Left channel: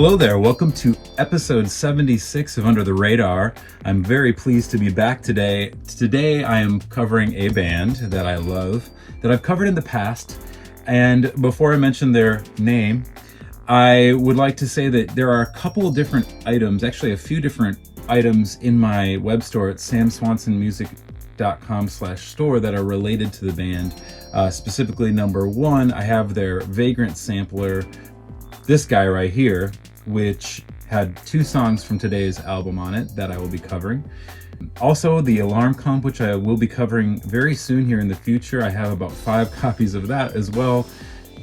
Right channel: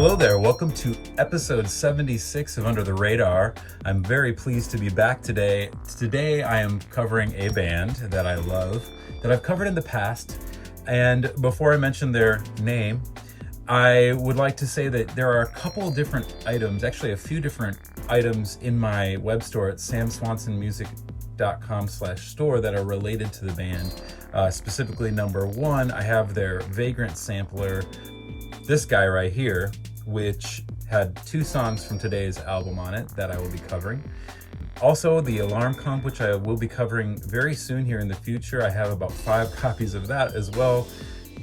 Hello there, welcome to episode 76 of Under the Radar. I'm very pleased to be back today. Today I am covering a band that I love, that I've covered in the past. And before I mention their name, I would like to say that there are a couple different items, actually a few different items in my web store at samswansonmusic.com/store that are related to the band. Specifically, number one, I have their Vagrant sampler, this guy right here, which had 2 songs from today's album on it that I will be covering. Also, the Alarm Comp, which I will be covering very soon here in the future. I have about 5 copies of that as well,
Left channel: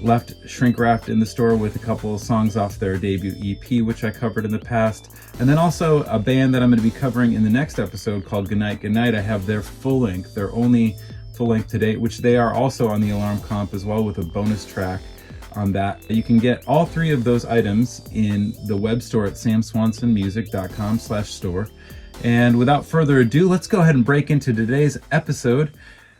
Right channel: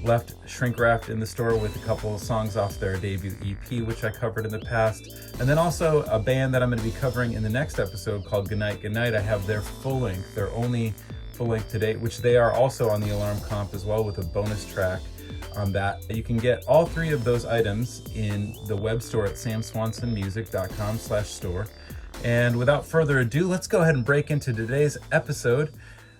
left shrink wrapped in the store with a couple of songs off their debut EP, which I covered in the past. And then also a band that I'm going to be covering in the next episode called Goodnight Goodnight. I have their full length, their only full length to date, which they are also on the Alarm Comp as well, with a bonus track on that. You can get all 3 of those items in the web store at samswansonmusic.com/store. And without further ado, let's go ahead and break into today's episode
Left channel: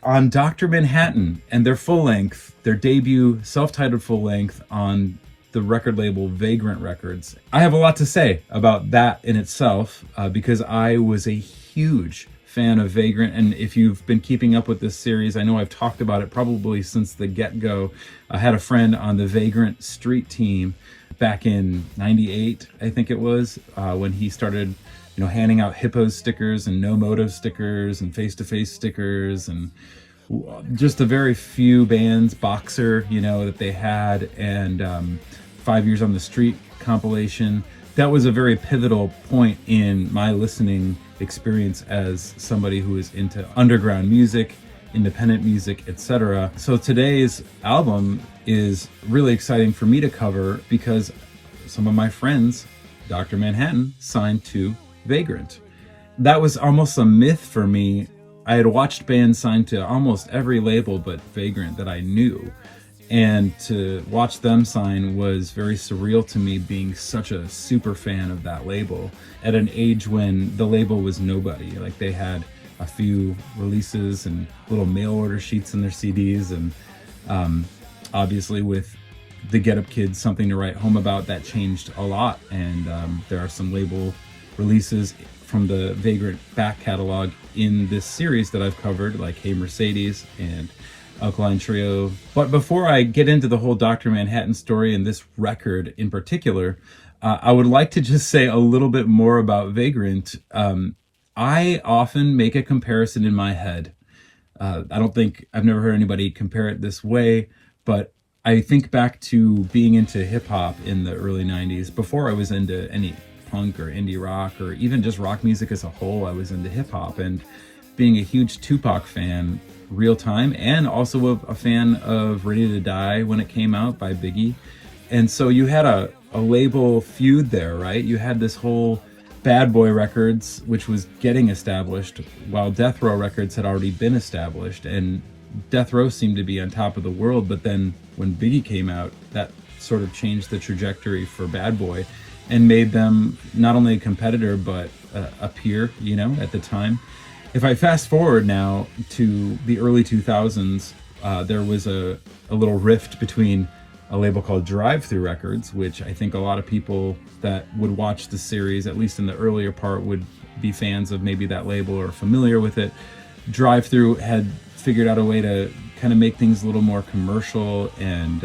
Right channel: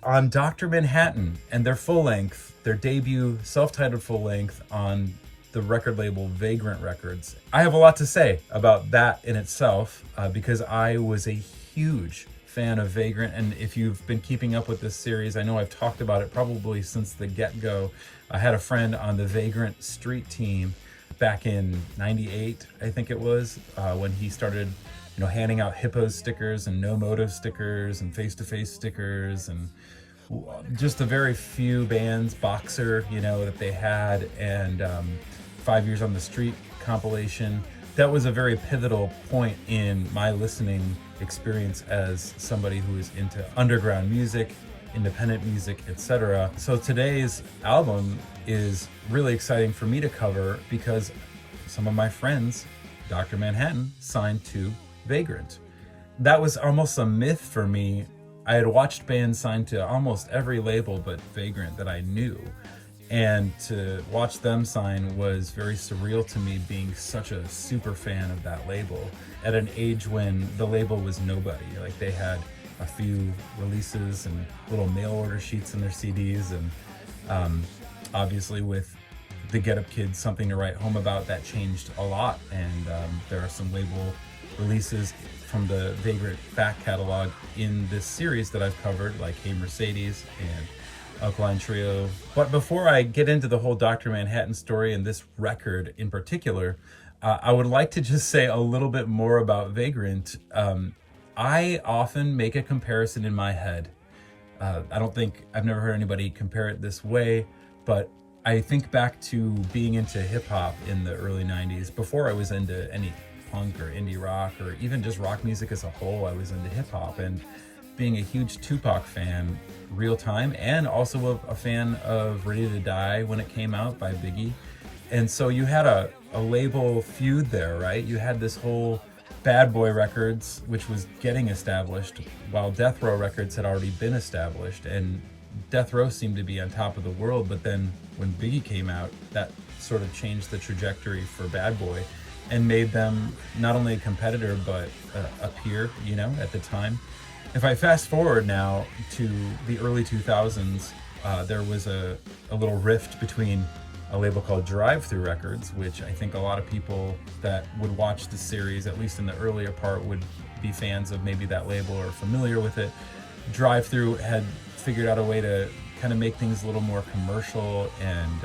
on Dr. Manhattan and their full length, their debut self-titled full length on the record label Vagrant Records. I have a lot to say about that in itself because I was a huge fan of Vagrant, and if you've been keeping up with this series, I know I've talked about it probably since the get-go. I had a friend on the Vagrant street team back in '98, I think it was, when he started, handing out Hippos stickers and No Motive stickers and Face-to-Face stickers and just a very few bands, Boxer, that they had, and 5 Years on the Street compilation. That was a very pivotal point in my listening experience as somebody who is into underground music, independent music, etc. So today's album is really exciting for me to cover because some of my friends, Dr. Manhattan, signed to Vagrant. That was almost a myth for me. I had watched bands sign to almost every label but Vagrant that I knew. And to watch them sign was very surreal to me, being such a super fan of that label at an age when the label was nobody. Like, they had a few releases and little mail order sheets in their CDs, and obviously with the Get Up Kids, Something to Write Home About, that changed a lot. And there are some label releases from the Vagrant back catalog in this series that I've covered, like Hey Mercedes and Alkaline Trio. But before I get into the whole Dr. Manhattan story and this record in particular, I would like to just say a little bit more about Vagrant. I often make a comparison in my head. I've never heard anybody compare it this way, but I think back to being into hip hop in the early 90s. Before I was into any punk or indie rock or even just rock music as a whole, I was into hip hop, and being a huge Tupac fan real time, and also a fan of Ready to Die when it came out by Biggie. And so you had a label feud there, right? You had this whole Bad Boy Records, which was getting established, while Death Row Records had already been established, and Death Row seemed to be on top of the world. But then when Biggie came out, that sort of changed the trajectory for Bad Boy and made them not only a competitor but a peer, at the time. If I fast forward now to the early 2000s, there was a little rift between a label called Drive-Thru Records, which I think a lot of people that would watch the series, at least in the earlier part, would be fans of maybe that label or familiar with it. Drive-Thru had figured out a way to kind of make things a little more commercial and,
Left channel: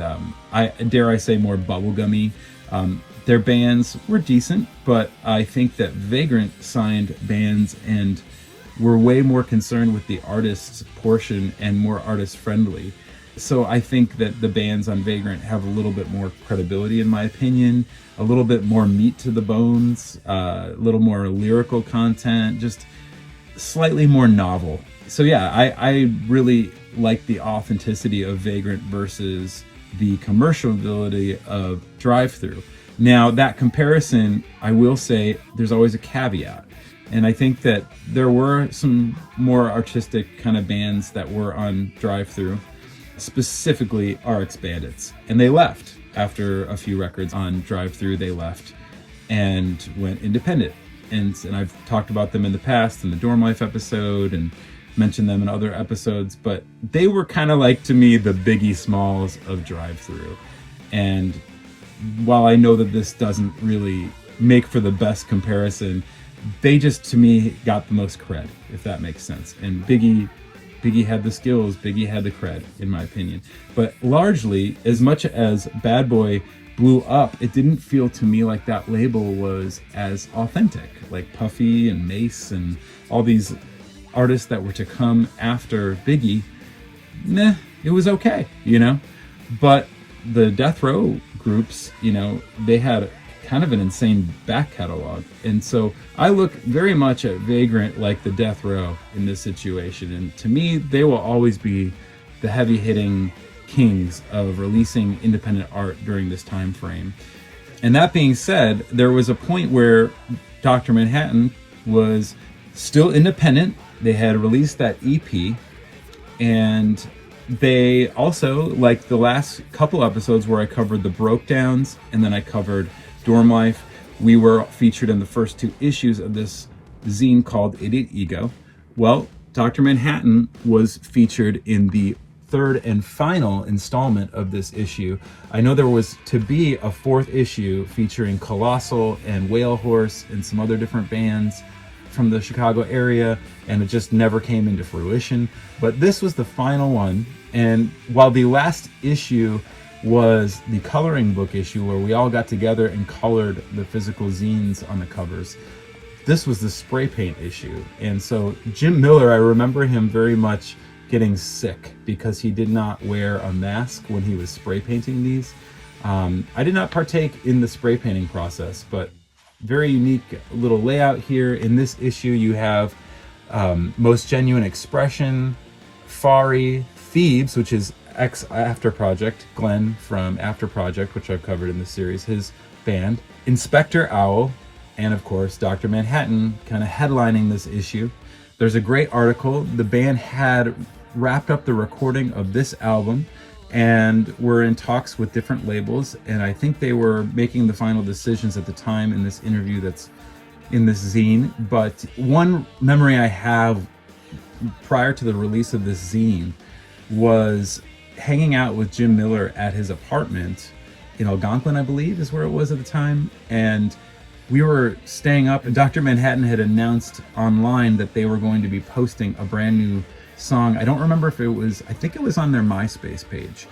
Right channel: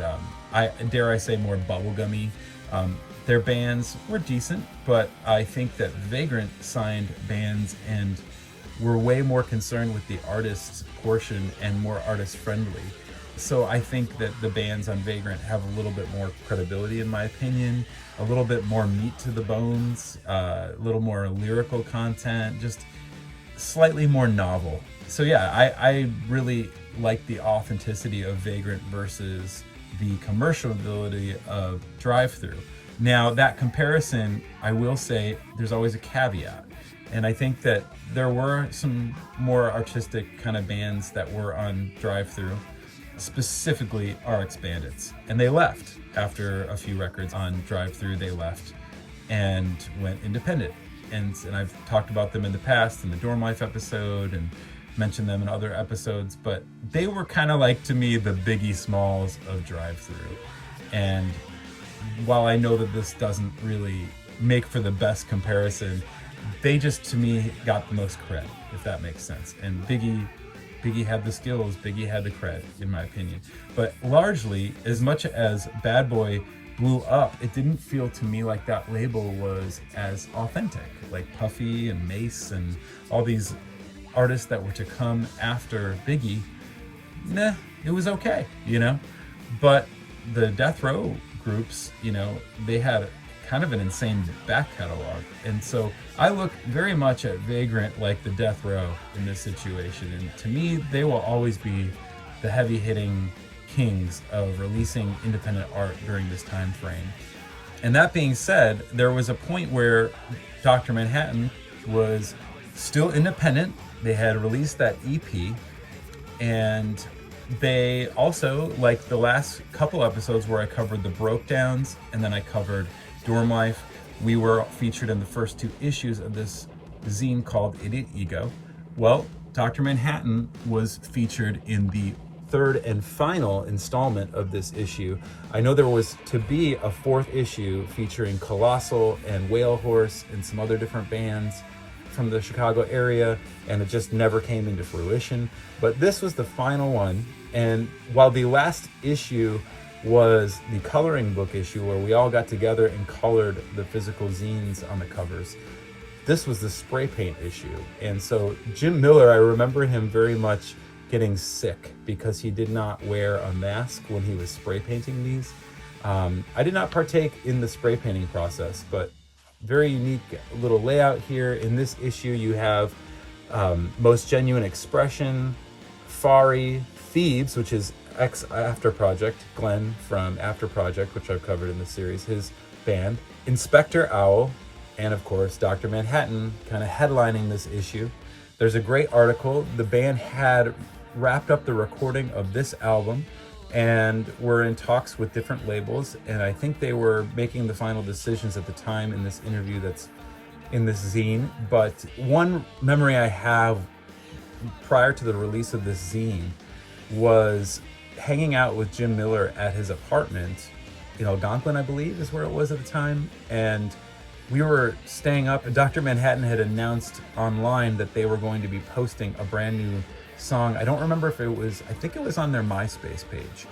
I say, more bubblegummy. Their bands were decent, but I think that Vagrant signed bands and were way more concerned with the artist's portion and more artist friendly. So I think that the bands on Vagrant have a little bit more credibility, in my opinion, a little bit more meat to the bones, a little more lyrical content, just slightly more novel. So yeah, I really like the authenticity of Vagrant versus the commercial ability of Drive-Thru. Now, that comparison, I will say, there's always a caveat. And I think that there were some more artistic kind of bands that were on Drive-Thru, specifically RX Bandits. And they left after a few records on Drive-Thru. They left and went independent. And I've talked about them in the past in the Dorm Life episode and mentioned them in other episodes, but they were kind of like, to me, the Biggie Smalls of Drive-Thru. And while I know that this doesn't really make for the best comparison, they just, to me, got the most cred, if that makes sense. And Biggie had the skills, Biggie had the cred, in my opinion. But largely, as much as Bad Boy blew up, it didn't feel to me like that label was as authentic. Like Puffy and Mace and all these artists that were to come after Biggie, it was okay, But the Death Row groups, they had kind of an insane back catalog. And so I look very much at Vagrant like the Death Row in this situation. And to me, they will always be the heavy-hitting kings of releasing independent art during this time frame. And that being said, there was a point where Dr. Manhattan was still independent. They had released that EP, and they also, like the last couple episodes where I covered the Brokedowns and then I covered Dorm Life, we were featured in the first 2 issues of this zine called Idiot Ego. Well, Dr. Manhattan was featured in the 3rd and final installment of this issue. I know there was to be a 4th issue featuring Colossal and Whale Horse and some other different bands from the Chicago area, and it just never came into fruition. But this was the final one, and while the last issue was the coloring book issue where we all got together and colored the physical zines on the covers, this was the spray paint issue. And so Jim Miller, I remember him very much getting sick because he did not wear a mask when he was spray painting these. I did not partake in the spray painting process, but very unique little layout here. In this issue, you have Most Genuine Expression, Fari, Thebes, which is ex-After Project, Glenn from After Project, which I've covered in the series, his band, Inspector Owl, and of course, Dr. Manhattan kind of headlining this issue. There's a great article. The band had wrapped up the recording of this album and were in talks with different labels, and I think they were making the final decisions at the time in this interview that's in this zine. But one memory I have prior to the release of this zine was hanging out with Jim Miller at his apartment in Algonquin, I believe is where it was at the time, and we were staying up, and Dr. Manhattan had announced online that they were going to be posting a brand new song. I don't remember if it was, I think it was on their MySpace page.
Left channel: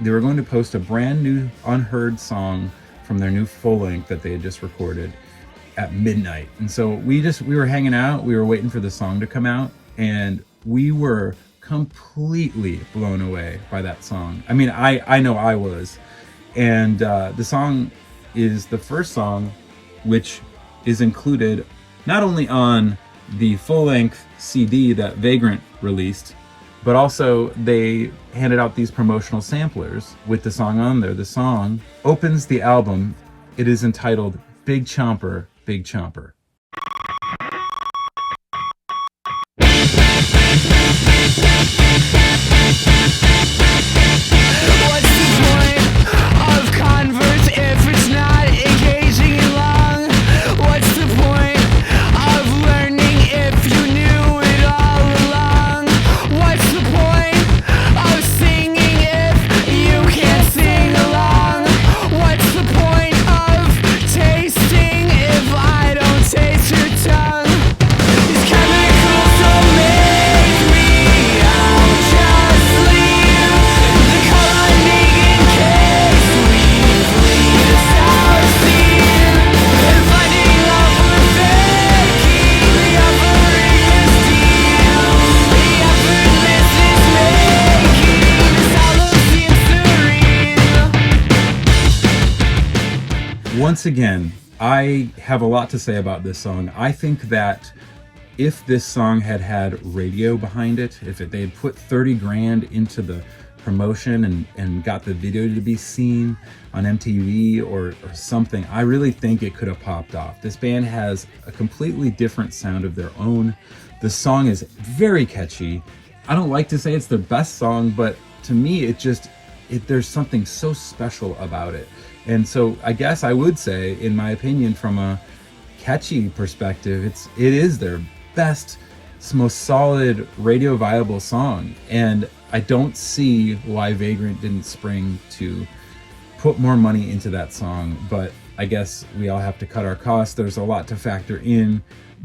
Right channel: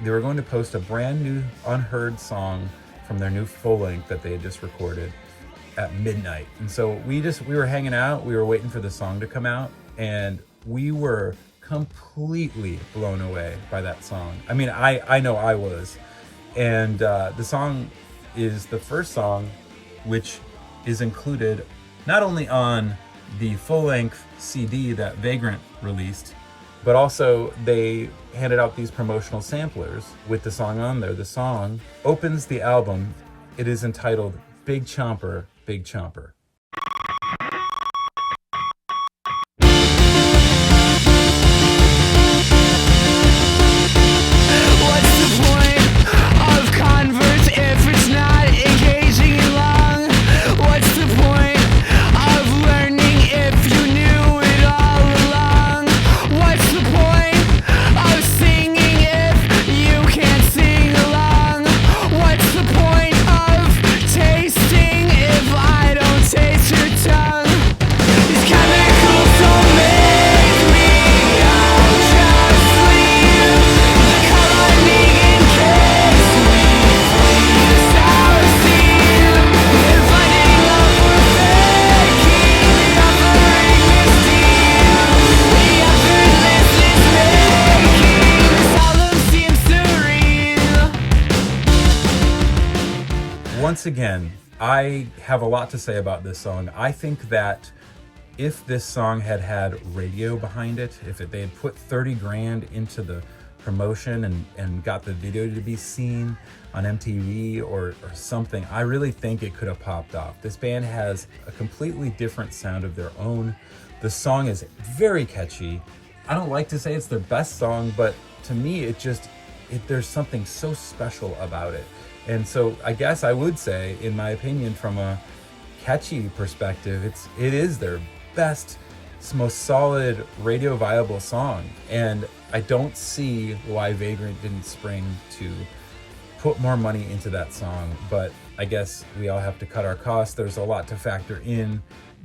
They were going to post a brand new unheard song from their new full length that they had just recorded at midnight. And so we were hanging out, we were waiting for the song to come out, and we were completely blown away by that song. I mean, I know I was. And the song is the first song which is included not only on the full-length CD that Vagrant released, but also they handed out these promotional samplers with the song on there. The song opens the album. It is entitled Big Chomper, Big Chomper. Once again, I have a lot to say about this song. I think that if this song had had radio behind it, if they had put 30 grand into the promotion and got the video to be seen on MTV or something, I really think it could have popped off. This band has a completely different sound of their own. The song is very catchy. I don't like to say it's their best song, but to me, there's something so special about it. And so I guess I would say, in my opinion, from a catchy perspective, it is their best, most solid radio viable song. And I don't see why Vagrant didn't spring to put more money into that song, but I guess we all have to cut our costs. There's a lot to factor in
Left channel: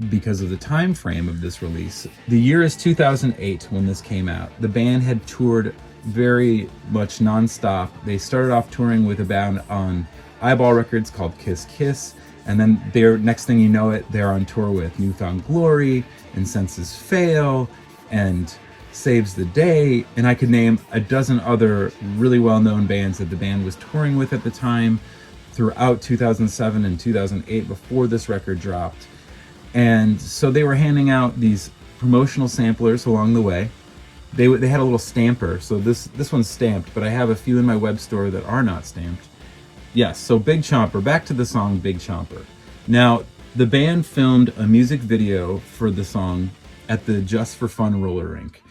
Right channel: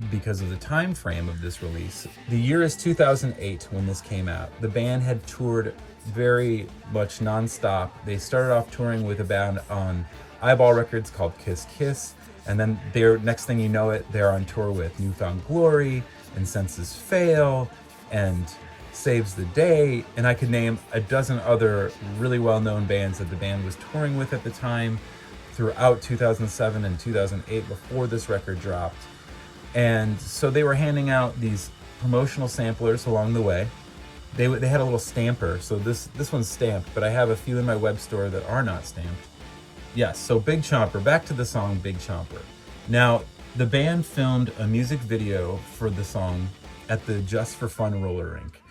because of the time frame of this release. The year is 2008 when this came out. The band had toured very much nonstop. They started off touring with a band on Eyeball Records called Kiss Kiss, and then next thing you know it, they're on tour with Newfound Glory and Senses Fail and Saves the Day, and I could name a dozen other really well-known bands that the band was touring with at the time throughout 2007 and 2008 before this record dropped. And so they were handing out these promotional samplers along the way. They had a little stamper, so this one's stamped, but I have a few in my web store that are not stamped. Yes, so Big Chomper, back to the song Big Chomper. Now, the band filmed a music video for the song at the Just for Fun roller rink.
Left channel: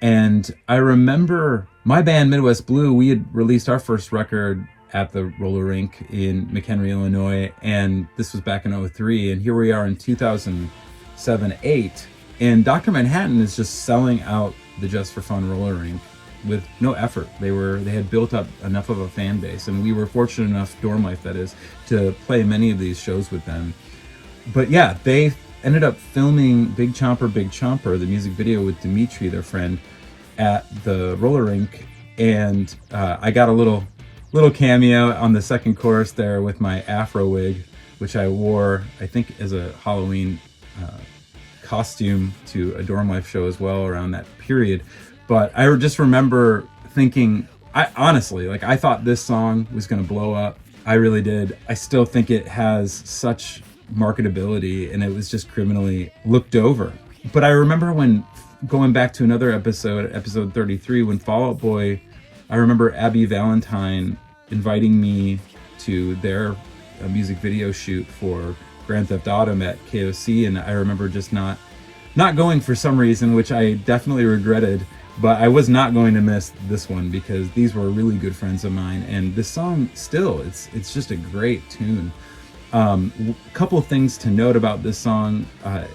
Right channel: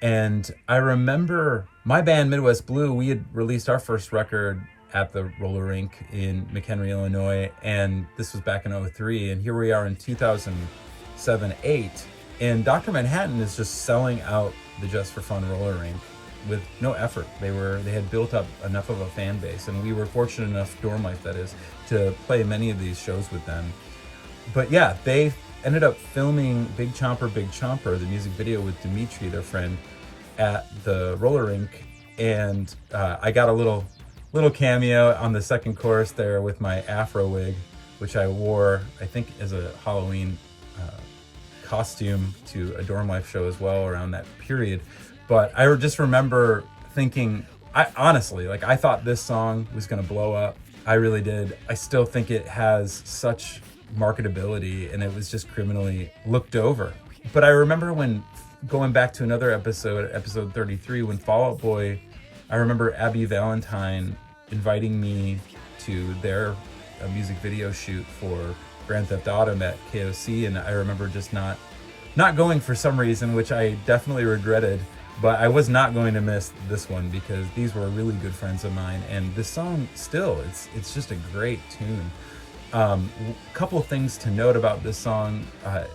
And I remember my band, Midwest Blue, we had released our first record at the roller rink in McHenry, Illinois, and this was back in 2003, and here we are in 2007-08, and Dr. Manhattan is just selling out the Just for Fun roller rink with no effort. They had built up enough of a fan base, and we were fortunate enough, Dorm Life that is, to play many of these shows with them. But yeah, they ended up filming Big Chomper, the music video with Dimitri, their friend, at the roller rink, and I got a little cameo on the second chorus there with my afro wig, which I wore, I think, as a Halloween costume to a Dorm Life show as well around that period. But I just remember thinking, I thought this song was going to blow up. I really did. I still think it has such marketability, and it was just criminally looked over. But I remember when going back to another episode 33, when Fall Out Boy, I remember Abby Valentine inviting me to their music video shoot for Grand Theft Auto at KOC, and I remember just not going for some reason, which I definitely regretted, but I was not going to miss this one because these were really good friends of mine, and this song still, it's just a great tune. Couple of things to note about this song.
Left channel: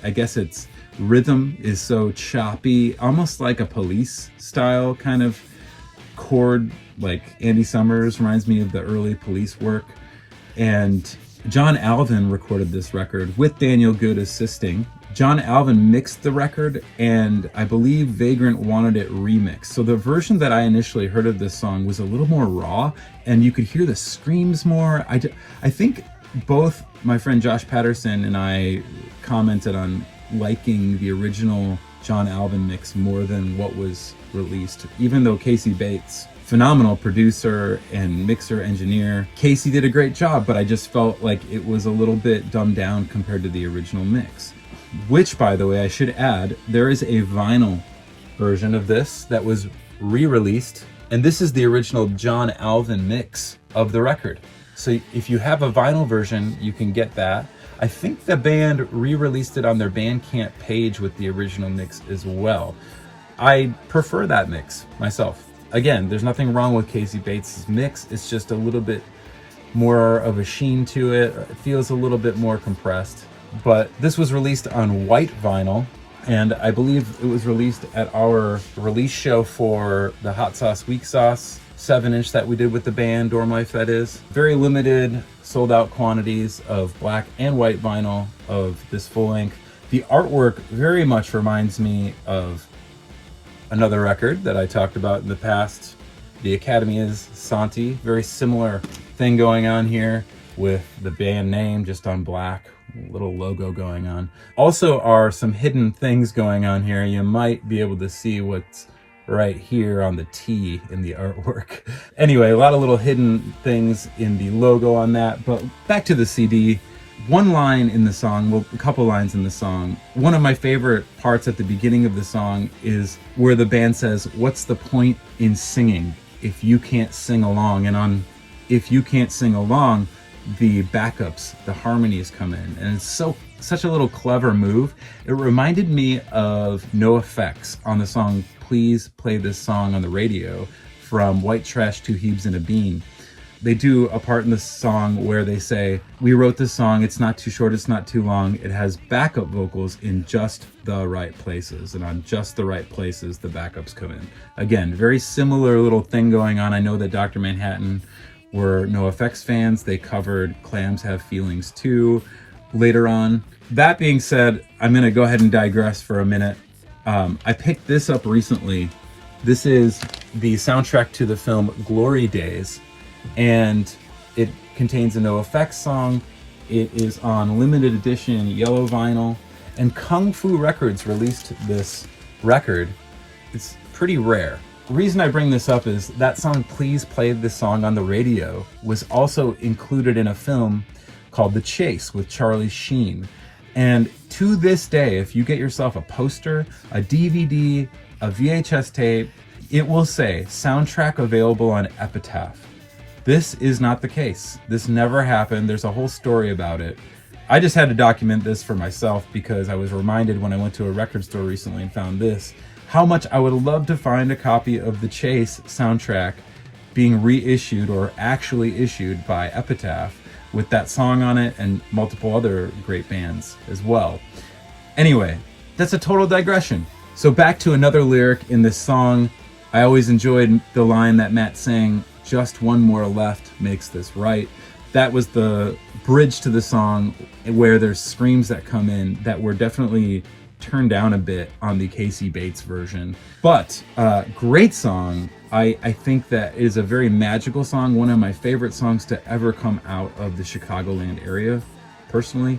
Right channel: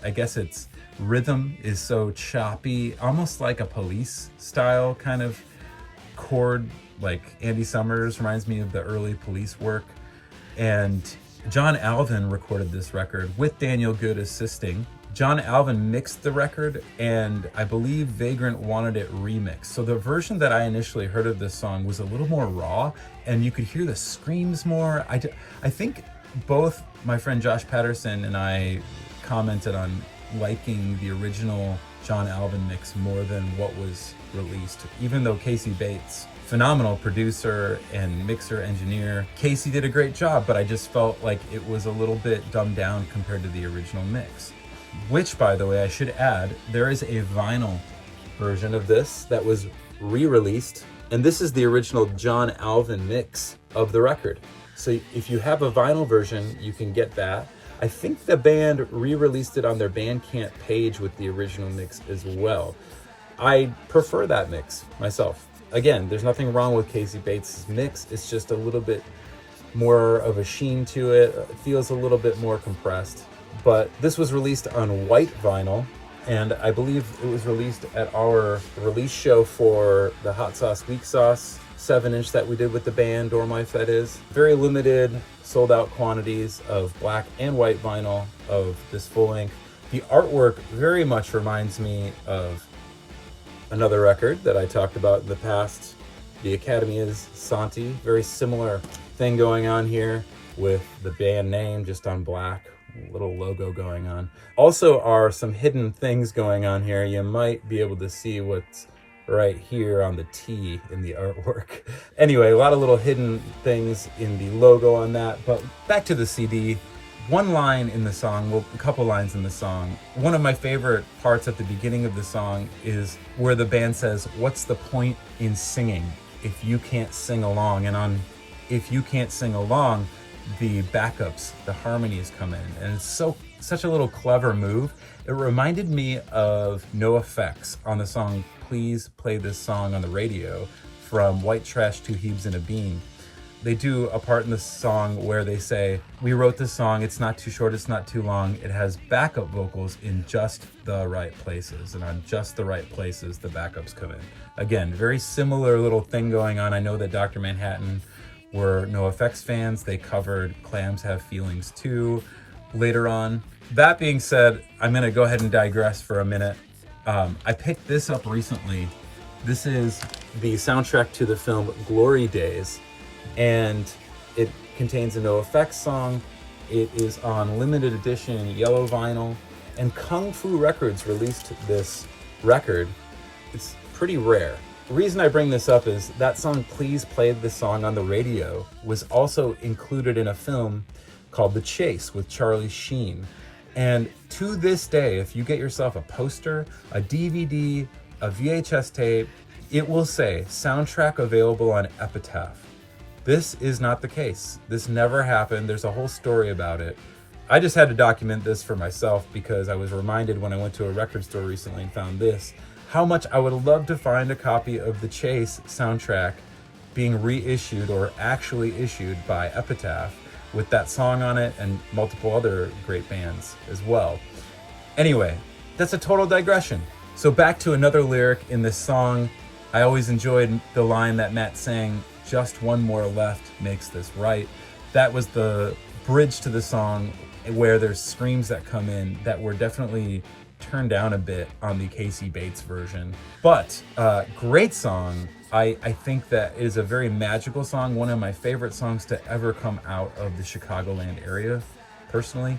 I guess its rhythm is so choppy, almost like a Police style kind of chord, like Andy Summers reminds me of the early Police work. And John Alvin recorded this record with Daniel Good assisting. John Alvin mixed the record, and I believe Vagrant wanted it remixed. So the version that I initially heard of this song was a little more raw, and you could hear the screams more. I think both my friend Josh Patterson and I commented on liking the original John Alvin mix more than what was released, even though Casey Bates, phenomenal producer and mixer engineer, Casey did a great job, but I just felt like it was a little bit dumbed down compared to the original mix. Which, by the way, I should add, there is a vinyl version of this that was re-released, and this is the original John Alvin mix of the record. So if you have a vinyl version, you can get that. I think the band re-released it on their Bandcamp page with the original mix as well. I prefer that mix myself. Again, there's nothing wrong with Casey Bates' mix. It's just a little bit more of a sheen to it. It feels a little bit more compressed. But this was released on white vinyl, and I believe it was released at our release show for the Hot Sauce Weak Sauce 7-inch that we did with the band, Dorm Life that is. Very limited, sold out quantities of black and white vinyl of this full length. The artwork very much reminds me of another record that I talked about in the past. The Academy is Santi. Very similar thing going on here with the band name just on black, little logo going on. Also are some hidden things going on here. You might be able to see what's right here on the T in the artwork. Anyway, a lot of little hidden things in the logo on that, but back to the CD. One line in the song, well, a couple lines in the song. One of my favorite parts at the beginning of the song is where the band says, "What's the point in singing if you can't sing along?" And on "if you can't sing along," the backups, the harmonies come in, and it's such a little clever move. It reminded me of NoFX on the song "Please Play This Song on the Radio" from White Trash, Two Hebes and a Bean. They do a part in the song where they say, "We wrote this song, it's not too short, it's not too long, it has backup vocals in just the right places," and on just the right places the backups come in. Again, very similar little thing going on. I know that Dr. Manhattan were NoFX fans. They covered Clams Have Feelings Too later on. That being said, I'm going to go ahead and digress for a minute. I picked this up recently. This is the soundtrack to the film Glory Days, and it contains a NoFX song. It is on limited edition yellow vinyl, and Kung Fu Records released this record. It's pretty rare. The reason I bring this up is that song, Please Play This Song on the Radio, was also included in a film called The Chase with Charlie Sheen. And to this day, if you get yourself a poster, a DVD, a VHS tape, it will say soundtrack available on Epitaph. This is not the case. This never happened. There's a whole story about it. I just had to document this for myself because I was reminded when I went to a record store recently and found this, how much I would love to find a copy of the Chase soundtrack being reissued or actually issued by Epitaph with that song on it and multiple other great bands as well. Anyway, that's a total digression. So back to another lyric in this song. I always enjoyed the line that Matt sang, "Just one more left makes this right." That was the bridge to the song where there's screams that come in that were definitely turned down a bit on the Casey Bates version. But great song. I think that is a very magical song, one of my favorite songs to ever come out of the Chicagoland area, personally.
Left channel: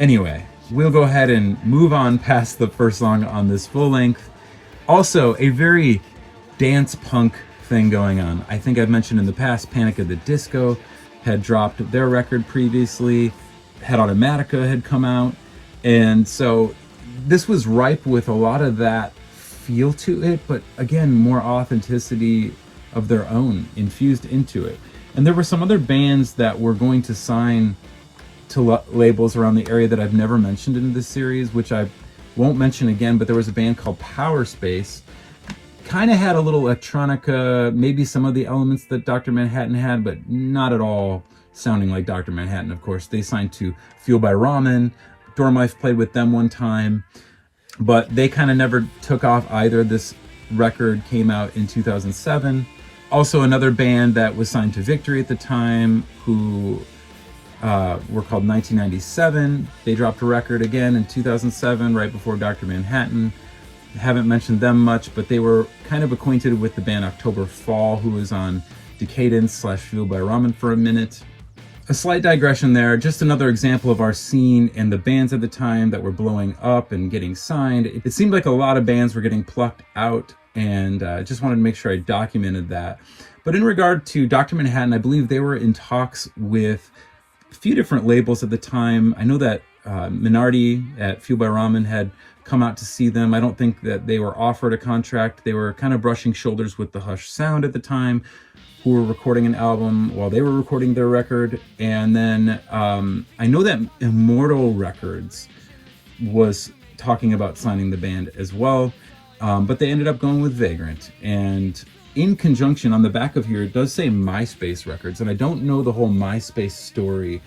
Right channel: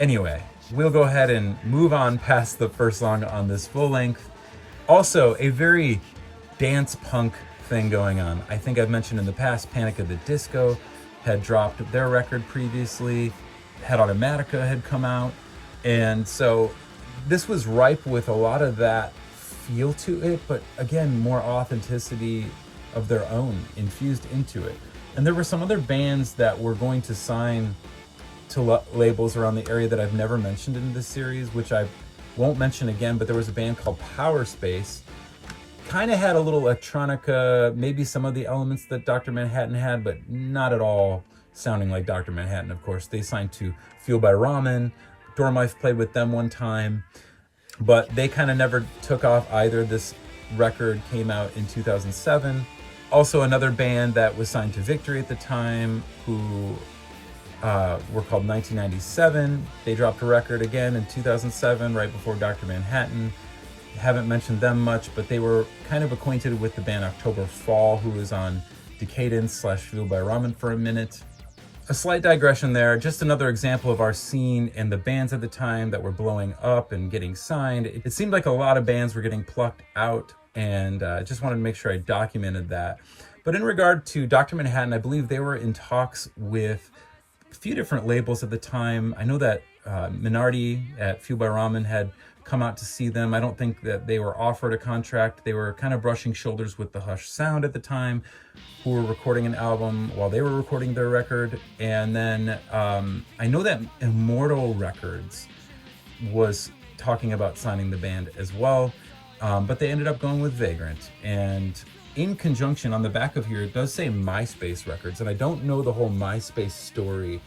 Anyway, we'll go ahead and move on past the first song on this full length. Also, a very dance punk thing going on. I think I've mentioned in the past, Panic at the Disco had dropped their record previously, Head Automatica had come out, and so this was ripe with a lot of that feel to it, but again, more authenticity of their own infused into it. And there were some other bands that were going to sign to labels around the area that I've never mentioned in this series, which I won't mention again, but there was a band called Power Space. Kind of had a little electronica, maybe some of the elements that Dr. Manhattan had, but not at all sounding like Dr. Manhattan, of course. They signed to Fueled by Ramen. Dormice played with them one time, but they kind of never took off either. This record came out in 2007. Also another band that was signed to Victory at the time, who were called 1997. They dropped a record again in 2007, right before Dr. Manhattan. Haven't mentioned them much, but they were kind of acquainted with the band October Fall, who was on Decadence / Fueled by Ramen for a minute. A slight digression there, just another example of our scene and the bands at the time that were blowing up and getting signed. It seemed like a lot of bands were getting plucked out, and I just wanted to make sure I documented that. But in regard to Dr. Manhattan, I believe they were in talks with a few different labels at the time. I know that Minardi at Fueled by Ramen had come out to see them. I don't think that they were offered a contract. They were kind of brushing shoulders with the Hush Sound at the time, who were recording an album while they were recording their record. And then I know that Immortal Records was talking about signing the band as well, but they ended up going with Vagrant. And in conjunction, on the back of here, it does say MySpace Records, and I don't know the whole MySpace story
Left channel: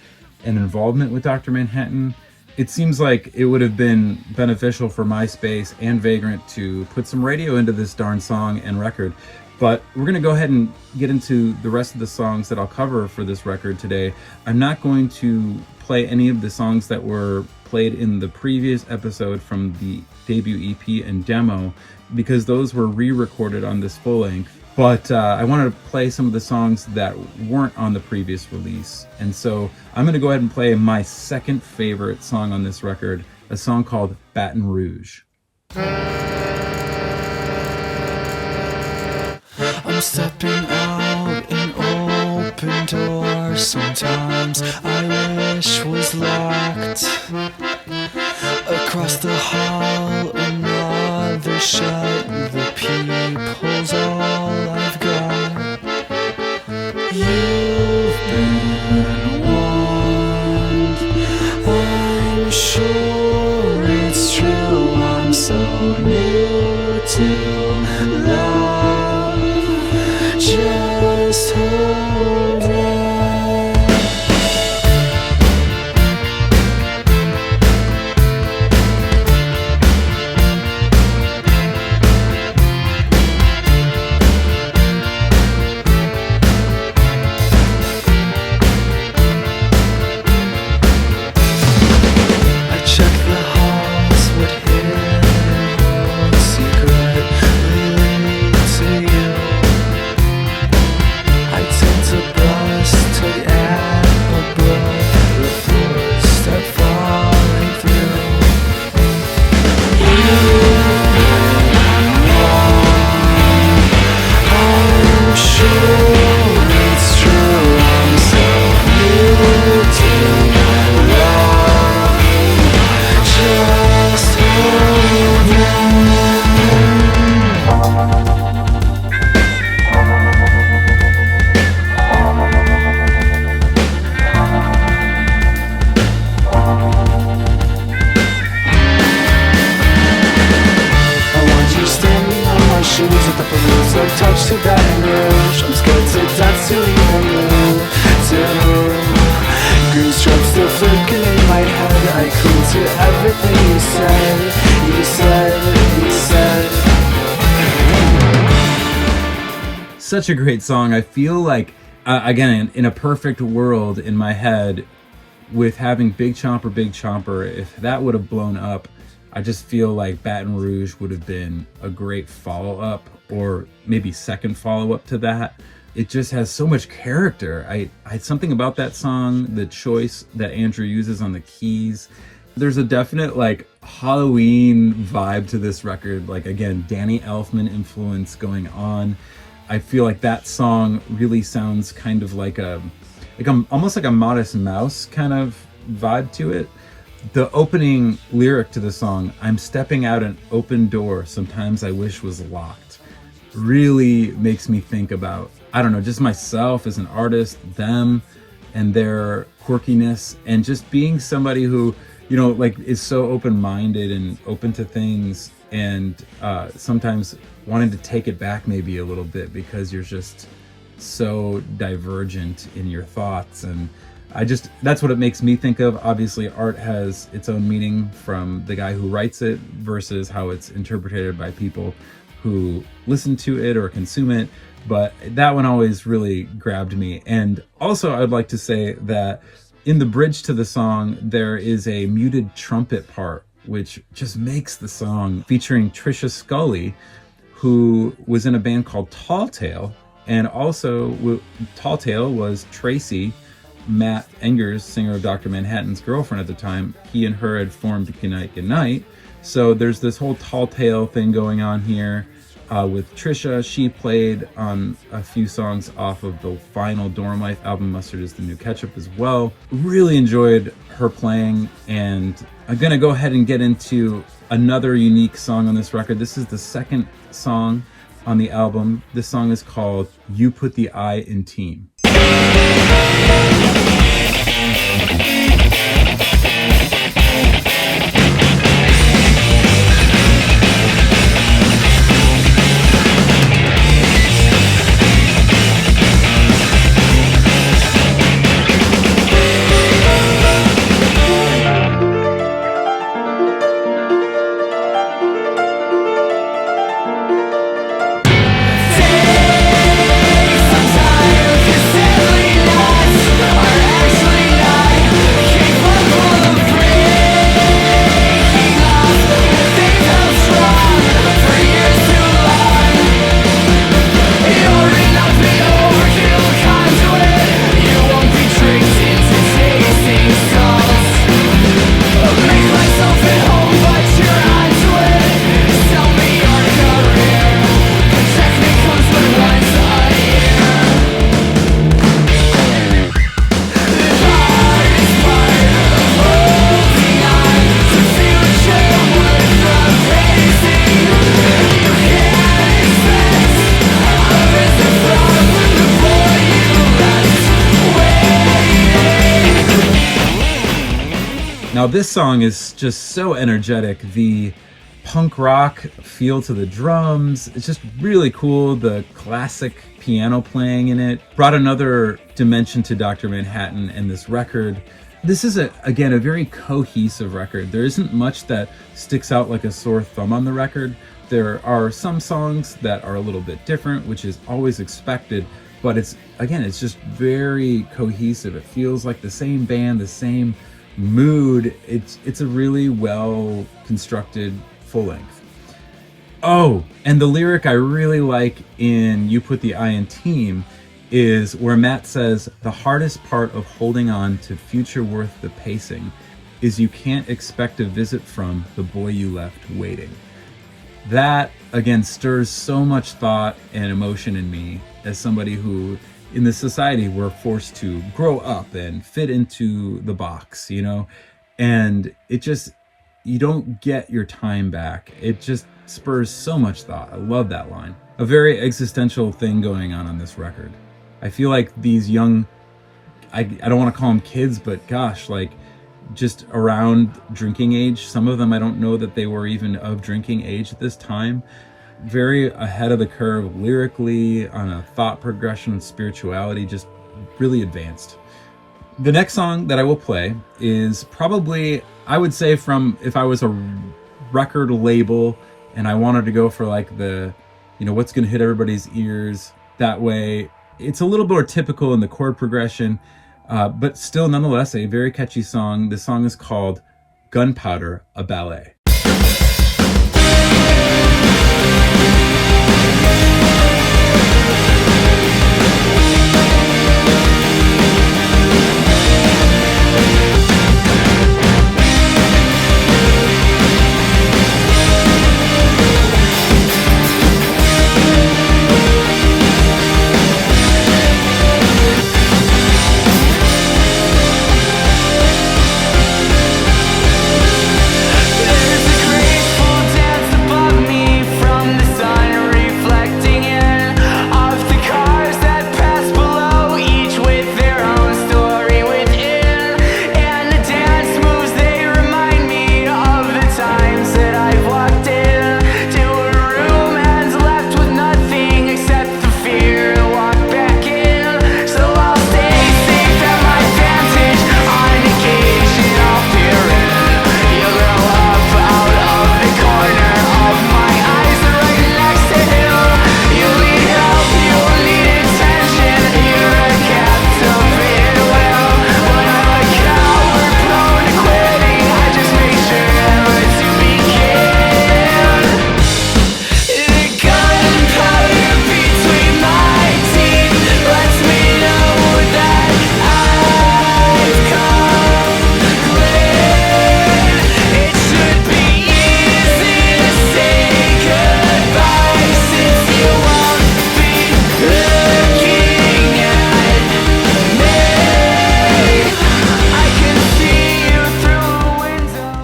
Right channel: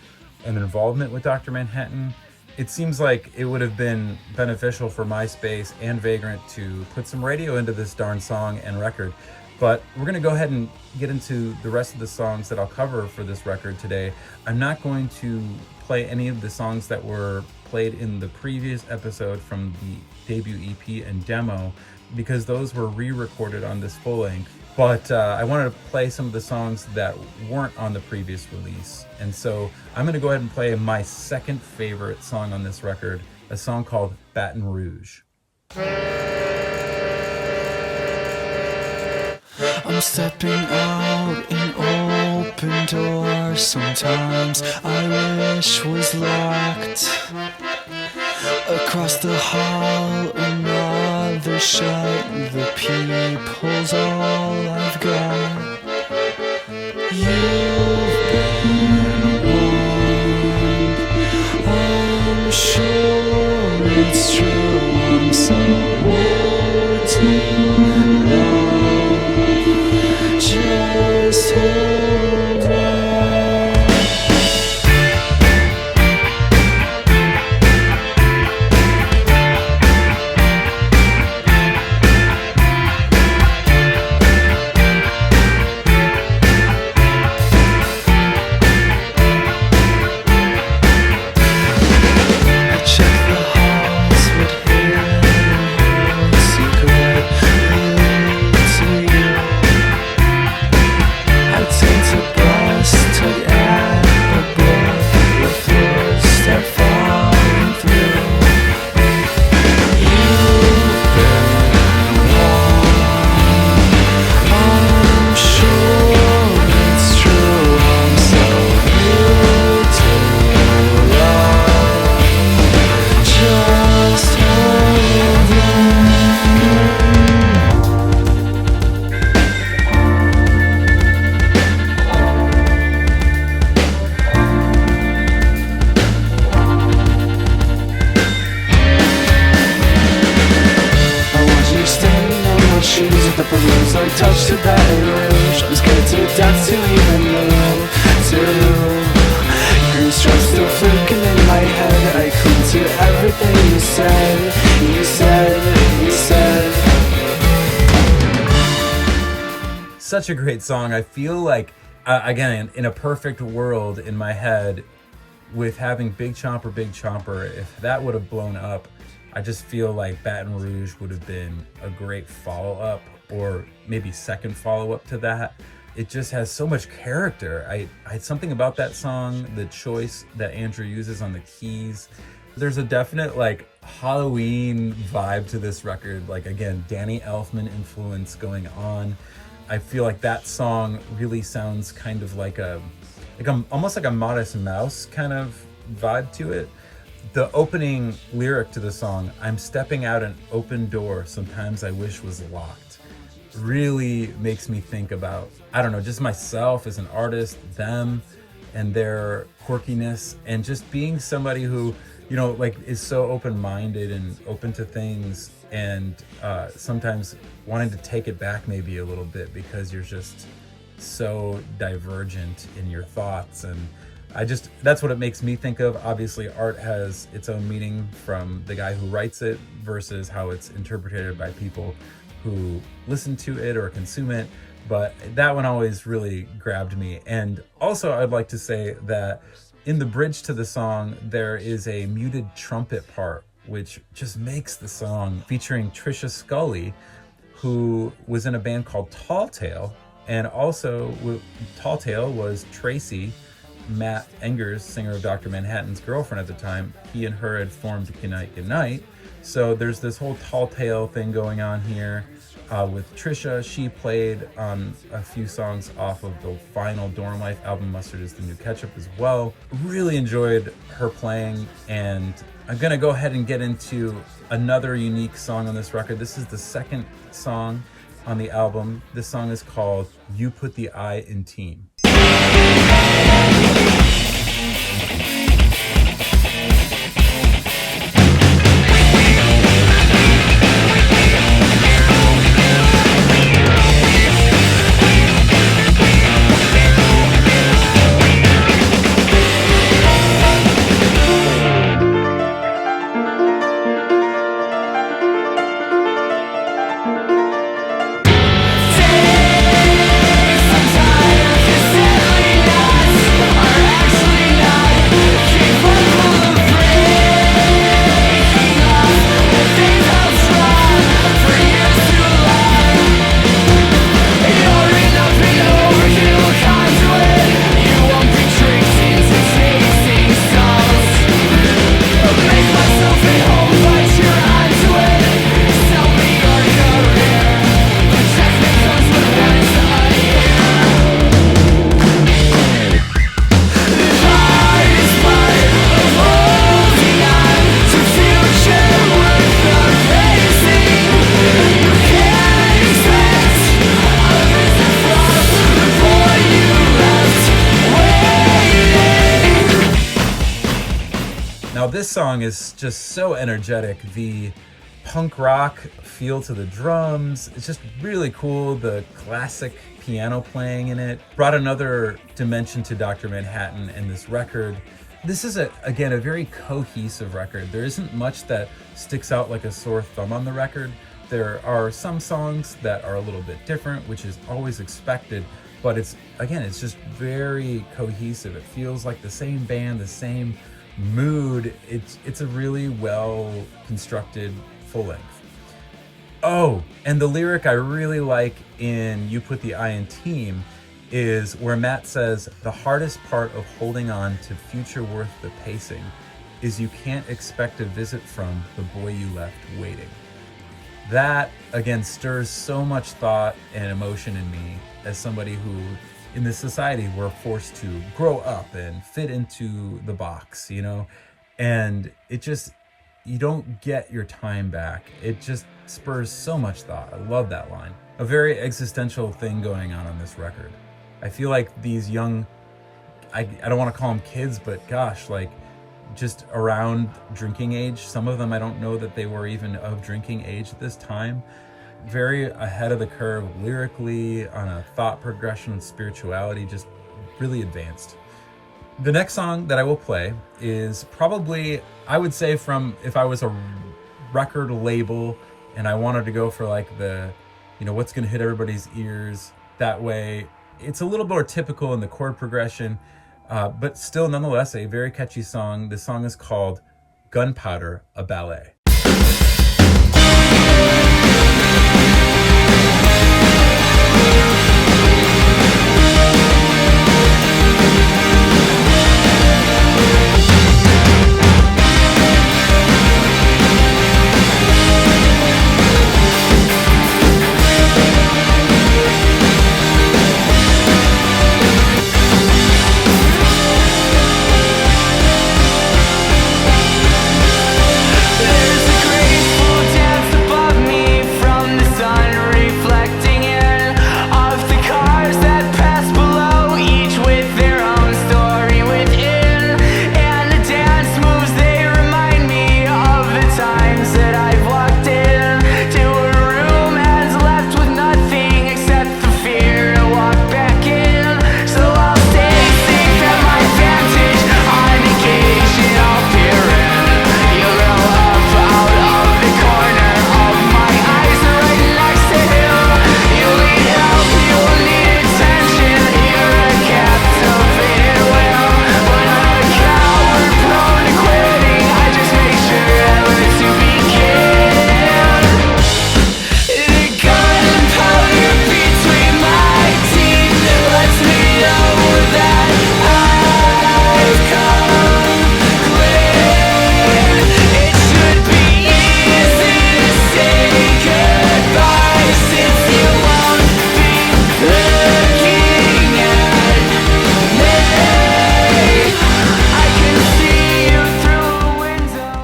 and involvement with Dr. Manhattan. It seems like it would have been beneficial for MySpace and Vagrant to put some radio into this darn song and record. But we're going to go ahead and get into the rest of the songs that I'll cover for this record today. I'm not going to play any of the songs that were played in the previous episode from the debut EP and demo, because those were re-recorded on this full length. But I wanted to play some of the songs that weren't on the previous release. And so I'm going to go ahead and play my second favorite song on this record, a song called Baton Rouge. I'm stepping out an open door. Sometimes I wish was locked. Across the hall, another shut. The peephole's all I've got. You've been warned. I'm sure it's true. I'm so new to love. Just hold on. like touch to Baton Rouge. I'm scared to death to even know. Green stripes still flicking in my head. I cling to everything you said. You said, you said. Such a great song. I feel like, again, in a perfect world in my head, with having Big Chomper, if that would have blown up, I just feel like Baton Rouge would have been a great follow-up, or maybe second follow-up to that. It just has so much character. I something about that song, the choice that Andrew uses on the keys. There's a definite like Halloween vibe to this record. Like, again, Danny Elfman influence going on. I feel like that song really sounds kind of like almost like a Modest Mouse kind of vibe to it. The opening lyric to the song, "I'm stepping out an open door sometimes I wish was locked," really makes me think about, I don't know, just myself as an artist, them and their quirkiness, and just being somebody who, you know, like is so open-minded and open to things, and sometimes wanting to take it back maybe a little bit because you're just so divergent in your thoughts. And that's what it makes me think of. Obviously, art has its own meaning from the guy who writes it versus how it's interpreted by people who listen to it or consume it. But that one always really grabbed me. And also, I would like to say that in the bridge to the song, there is a muted trumpet part, which just makes the song, featuring Trisha Scully, who was in a band called Tall Tale. And also, Tall Tale was Tracy, Matt Engers, singer of Dr. Manhattan's girlfriend at the time. He and her had formed Goodnight Goodnight. So there's this whole Tall Tale thing going on here with Trisha. She played on a few songs off of the final Dorm Life album, Mustard is the New Ketchup, as well. Really enjoyed her playing, and I'm gonna go ahead and get into another unique song on this record. This is the second song on the album. This song is called You Put the I in Team. Now this song is just so energetic. The punk rock feel to the drums, it's just really cool. The classic piano playing in it brought another dimension to Dr. Manhattan and this record. This is, again, a very cohesive record. There isn't much that sticks out like a sore thumb on the record. There are some songs that are a little bit different, which is always expected, but it's just very cohesive. It feels like the same band, the same mood. It's a really well constructed full length. Oh, and the lyric I really like in You Put the I in Team is where Matt says, "The hardest part of holding on to future worth the pacing is you can't expect a visit from the boy you left waiting." That, again, stirs so much thought and emotion in me as somebody who, in this society, we're forced to grow up and fit into the box, you know? And you don't get your time back. It just spurs so much thought. I love that line. A very existential thing going on this record. I feel like these young, I don't want to call them kids, but gosh, like just around drinking age. Some of them, I don't know that they were even of drinking age at this time. very ahead of the curve lyrically, on a thought progression, spirituality, just really advanced. The next song that I will play is probably, I would say, from, if I was a record label and I wanted to go for like the, what's going to hit everybody's ears that way, it's a little more typical in the chord progression, but still nonetheless a very catchy song. The song is called Gunpowder, a Ballet.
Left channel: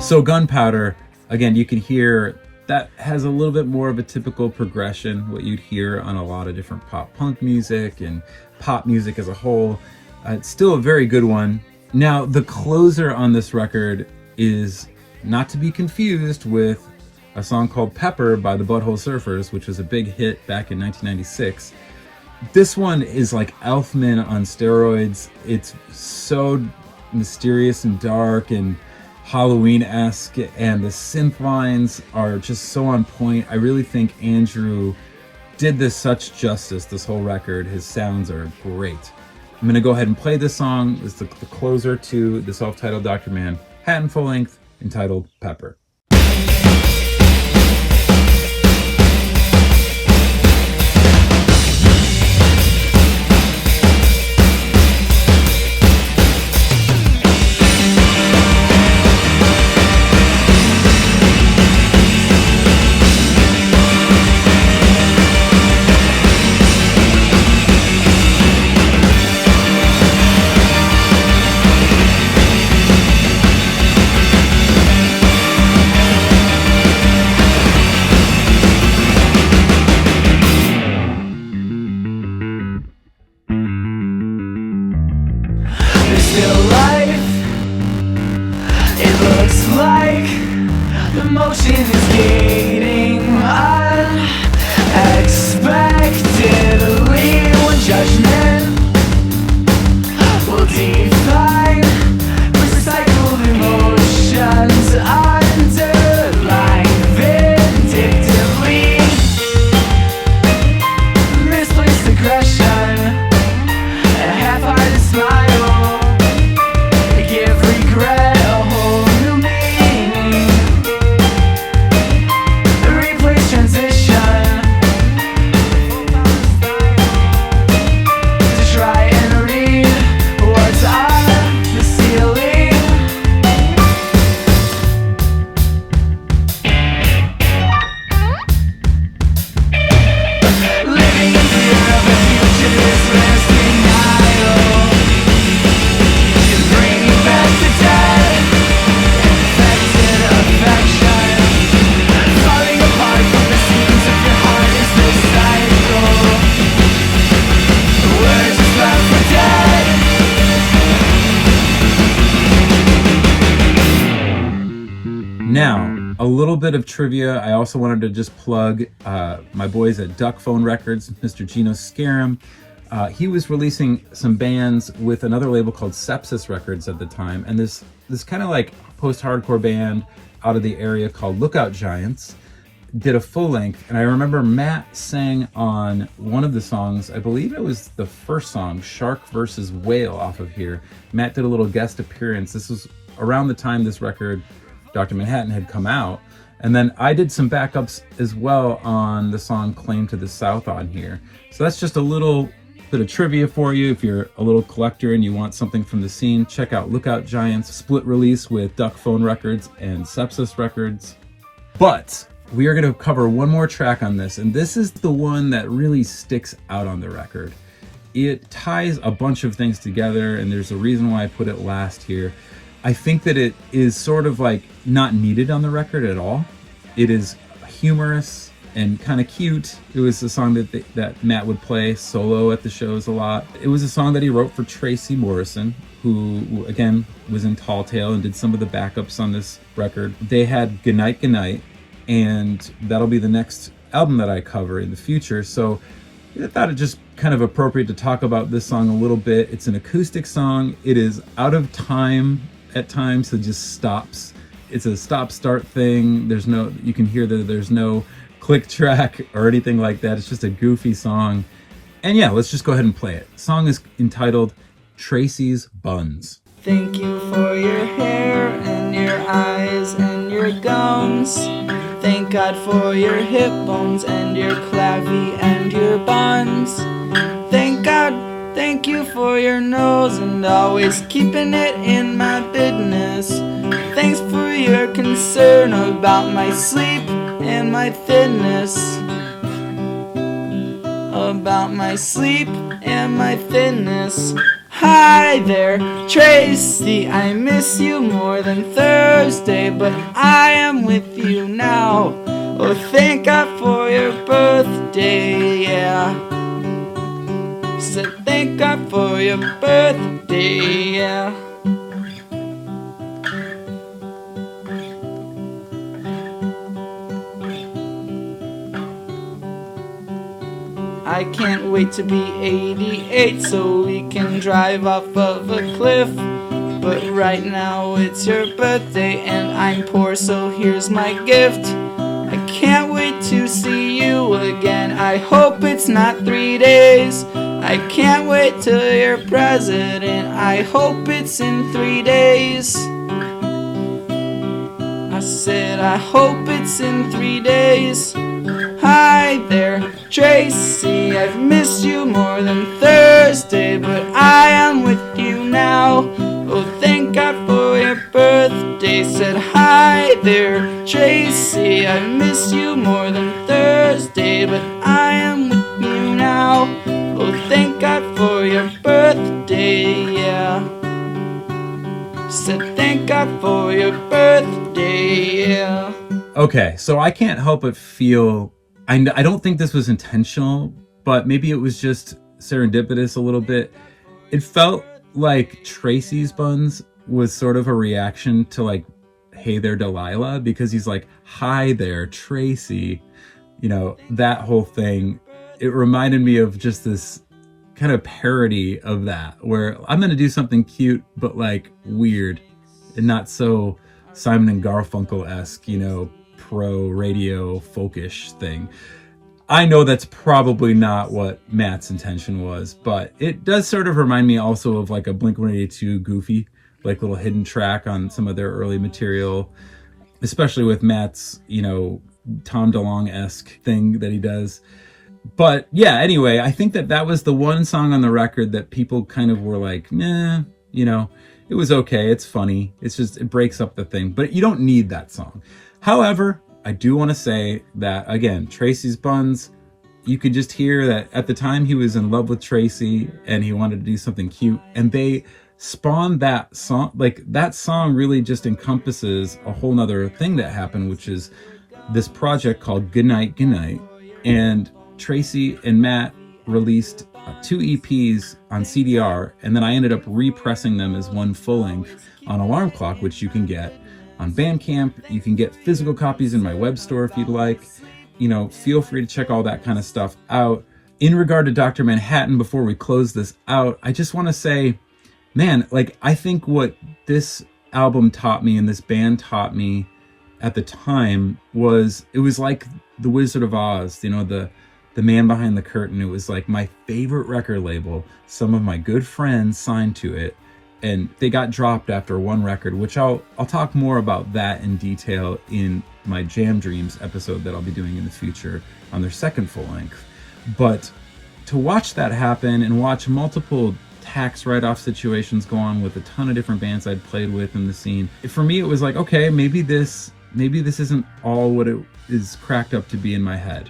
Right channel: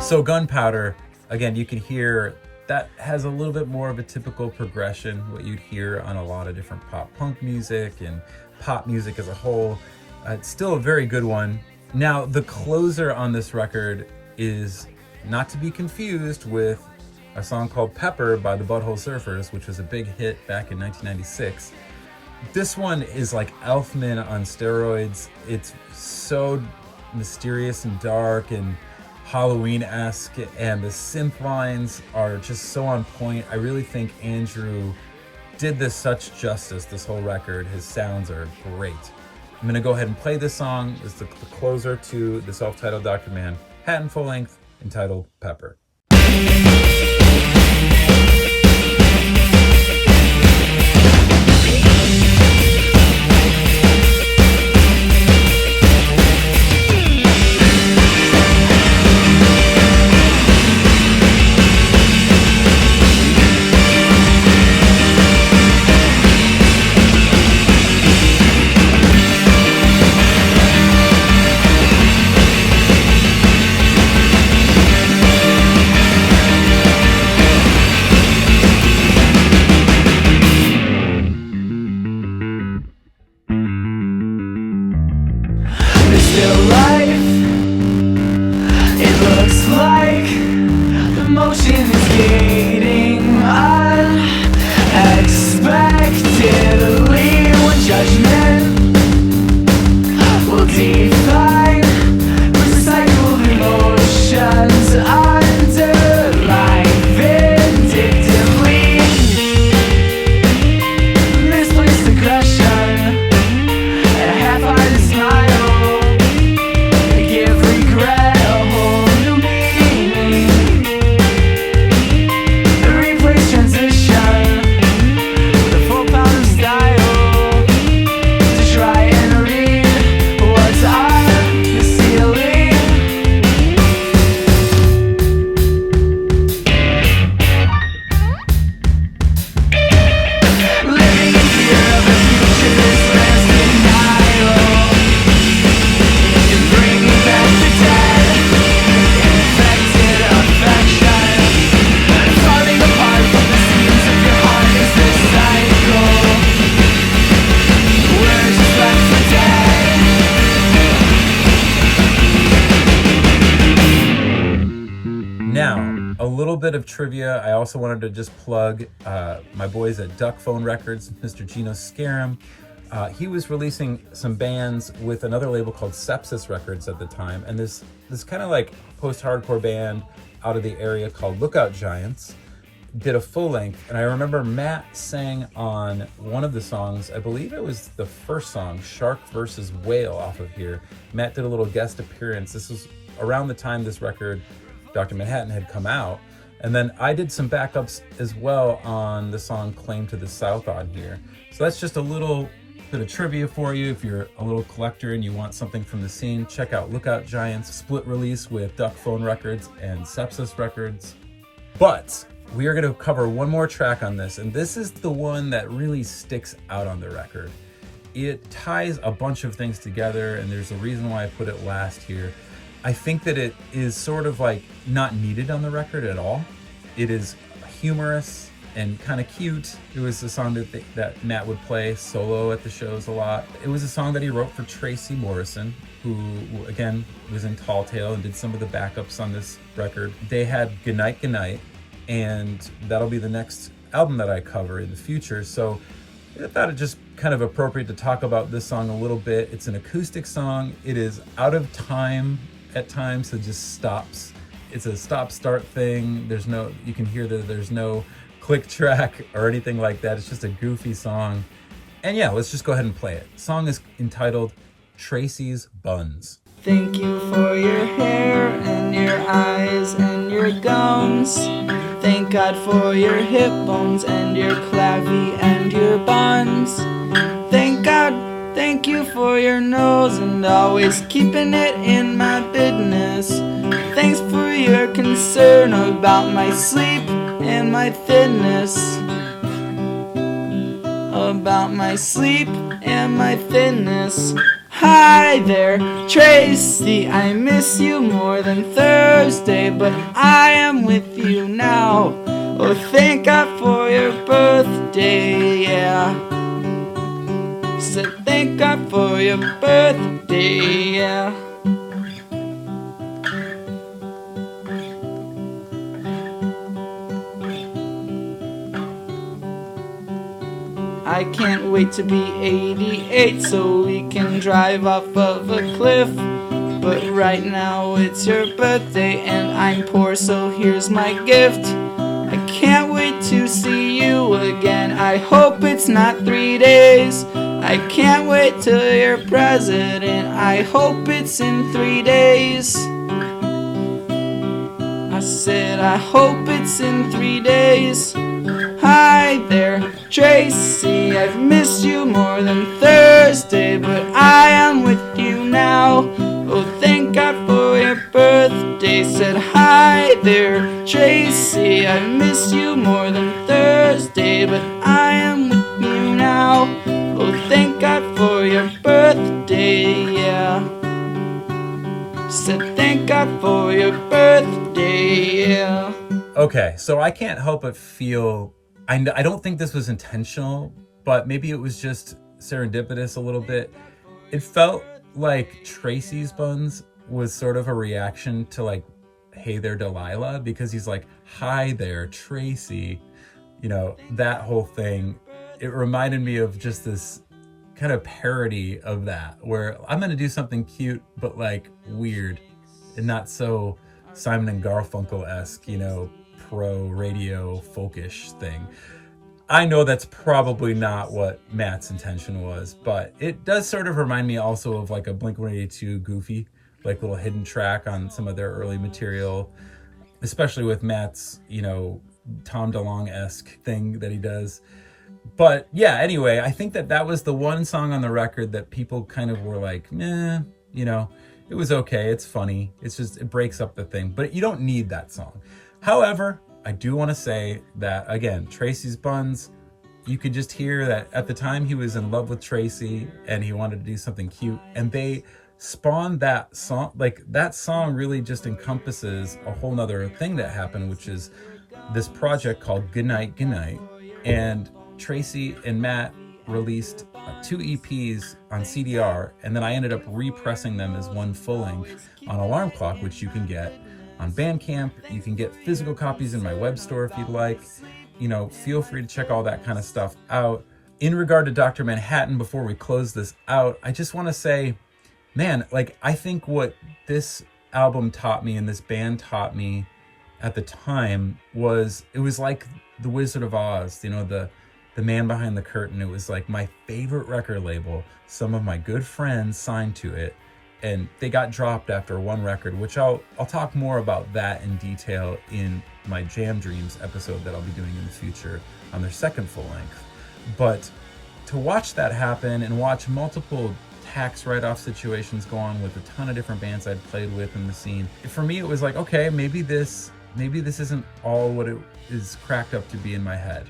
So Gunpowder, again, you can hear that has a little bit more of a typical progression, what you'd hear on a lot of different pop punk music and pop music as a whole. It's still a very good one. Now, the closer on this record is not to be confused with a song called Pepper by the Butthole Surfers, which was a big hit back in 1996. This one is like Elfman on steroids. It's so mysterious and dark and Halloween-esque, and the synth lines are just so on point. I really think Andrew did this such justice, this whole record. His sounds are great. I'm going to go ahead and play this song. It's the closer to the self-titled Dr. Manhattan full length entitled Pepper. bit of trivia. I also wanted to just plug my boys at Duck Phone Records, Mr. Gino Scarum. He was releasing some bands with another label called Sepsis Records at the time, and this kind of like post-hardcore band out of the area called Lookout Giants did a full length, and I remember Matt sang on one of the songs, I believe it was the first song, Shark versus Whale, off of here. Matt did a little guest appearance. This was around the time this record, Dr. Manhattan, had come out. And then I did some backups as well on the song Claim to the South on here. So that's just a little bit of trivia for you. If you're a little collector and you want something from the scene, check out Lookout Giants, split release with Duck Phone Records and Sepsis Records. But we are going to cover one more track on this, and this is the one that really sticks out on the record. It ties a bunch of things together, and there's a reason why I put it last here. I think that it is sort of like not needed on the record at all. It is humorous and kind of cute. It was a song that Matt would play solo at the shows a lot. It was a song that he wrote for Tracy Morrison, who again was in Tall Tale and did some of the backups on this record. They had Goodnight Goodnight, and that'll be the next album that I cover in the future. So I thought it just kind of appropriate to talk about this song a little bit. It's an acoustic song. It is out of time at times, so it just stops. It's a stop-start thing. You can hear that there's no click track or anything like that. It's just a goofy song. And yeah, let's just go ahead and play it. The song is entitled Tracy's Buns. Thank you for your hair and your eyes and your gums. Thank God for your hip bones and your clavy and your buns. Thank God, thank you for your nose and always keeping it in my business. Thanks for your concern about my sleep and my thinness. About my sleep and my thinness. Hi there, Tracy, I miss you more than Thursday, but I am with you now. Oh, thank God for your birthday, yeah. Said thank God for your birthday, yeah. I can't wait to be 88 so we can drive off of a cliff. But right now it's your birthday and I'm poor, so here's my gift. I can't wait to see you again. I hope it's not 3 days. I can't wait till you're president. I hope it's in 3 days. I said I hope it's in 3 days. Hi there, Tracy, I've missed you more than Thursday, but I am with you now. Oh, thank God for your birthday. Said hi there, Tracy, I've missed you more than Thursday, but I am with you now. Oh, thank God for your birthday, yeah. Said thank God for your birthday, yeah. Okay, so I can't help but feel, I don't think this was intentional, but maybe it was just serendipitous a little bit. It felt like Tracy's Buns was sort of a reaction to like, Hey There Delilah, because he's like, hi there, Tracy. You know, that whole thing. It reminded me of just this kind of parody of that, where I'm going to do something cute, but like weird and not so Simon and Garfunkel-esque, you know, pro radio folkish thing. I know that's probably not what Matt's intention was, but it does sort of remind me also of like a Blink-182 goofy, like little hidden track on some of their early material, especially with Matt's, you know, Tom DeLonge-esque thing that he does. But yeah, anyway, I think that was the one song on the record that people kind of were like, meh, you know, it was okay, it's funny, it's just, it breaks up the thing, but you don't need that song. However, I do want to say that, again, Tracy's Buns, you could just hear that at the time he was in love with Tracy and he wanted to do something cute, and they spawned that song. Like, that song really just encompasses a whole nother thing that happened, which is this project called Goodnight Goodnight, and Tracy and Matt released 2 EPs on CDR, and then I ended up repressing them as one full length on Alarm Clock, which you can get. on Bandcamp. You can get physical copies in my web store if you'd like. Feel free to check all that kind of stuff out. In regard to Dr. Manhattan, before we close this out, I just want to say, man, I think what this album taught me and this band taught me at the time was, it was like the Wizard of Oz, the man behind the curtain. It was like my favorite record label. Some of my good friends signed to it, and they got dropped after one record, which I'll talk more about that in detail in my Jam Dreams episode that I'll be doing in the future on their second full length. But to watch that happen and watch multiple tax write-off situations go on with a ton of different bands I'd played with in the scene, for me it was like, okay, maybe this isn't all what it is cracked up to be in my head,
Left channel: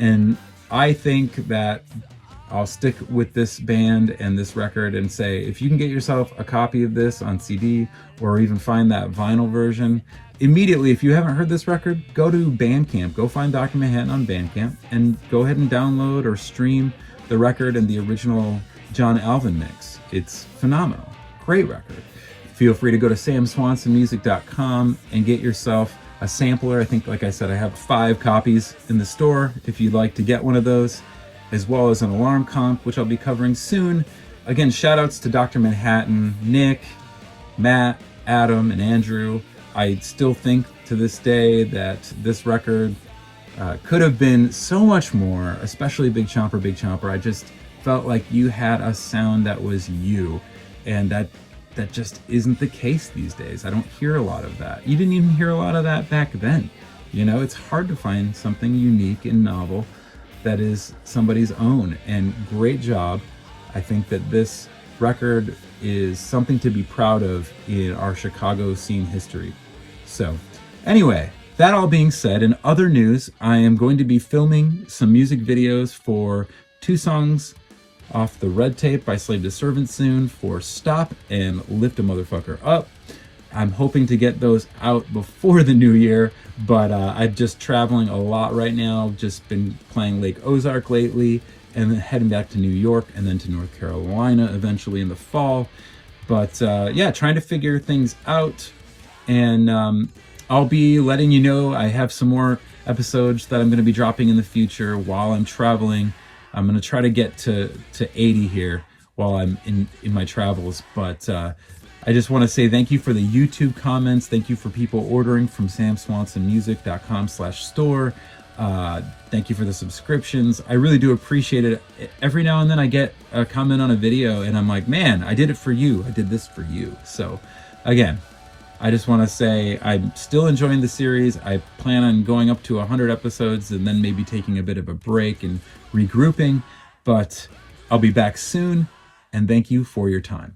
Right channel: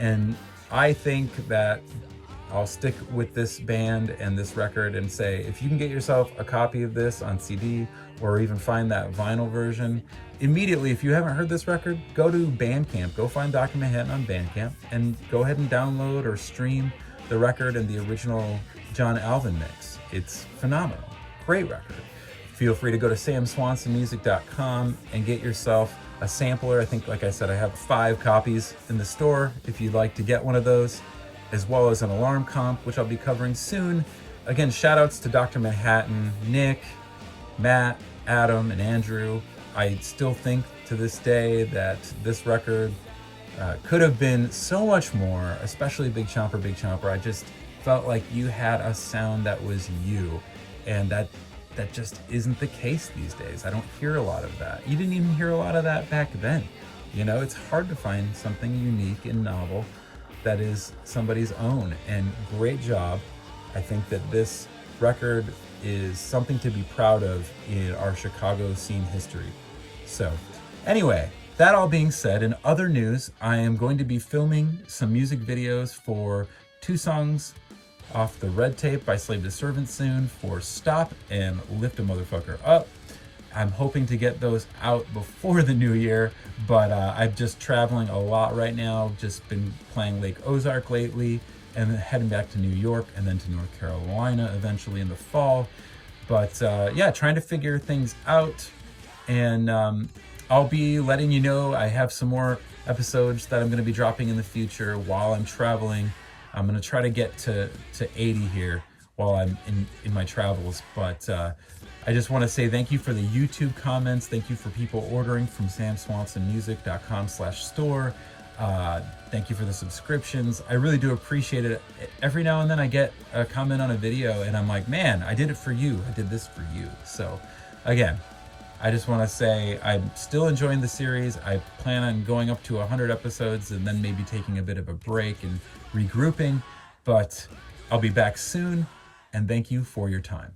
And I think that I'll stick with this band and this record and say, if you can get yourself a copy of this on CD or even find that vinyl version, immediately, if you haven't heard this record, go to Bandcamp, go find Dr. Manhattan on Bandcamp, and go ahead and download or stream the record and the original John Alvin mix. It's phenomenal. Great record. Feel free to go to samswansonmusic.com and get yourself a sampler. I think, like I said, I have 5 copies in the store if you'd like to get one of those, as well as an alarm comp, which I'll be covering soon. Again, shout outs to Dr. Manhattan, Nick, Matt, Adam, and Andrew. I still think to this day that this record could have been so much more, especially Big Chomper. I just felt like you had a sound that was you, and that just isn't the case these days. I don't hear a lot of that. You didn't even hear a lot of that back then. It's hard to find something unique and novel that is somebody's own, and great job. I think that this record is something to be proud of in our Chicago scene history. So anyway, that all being said, in other news, I am going to be filming some music videos for 2 songs off the Red Tape by Slave to Servant soon, for Stop and Lift a Motherfucker Up. I'm hoping to get those out before the new year, but I'm just traveling a lot right now. Just been playing Lake Ozark lately, and then heading back to New York and then to North Carolina eventually in the fall. But yeah, trying to figure things out. And I'll be letting you know I have some more episodes that I'm going to be dropping in the future while I'm traveling. I'm going to try to get to 80 here while I'm in my travels. But I just want to say thank you for the YouTube comments. Thank you for people ordering from samswansonmusic.com/store. Thank you for the subscriptions. I really do appreciate it. Every now and then I get a comment on a video and I'm like, man, I did it for you. I did this for you. So again, I just want to say I'm still enjoying the series. I plan on going up to 100 episodes and then maybe taking a bit of a break and regrouping. But I'll be back soon, and thank you for your time.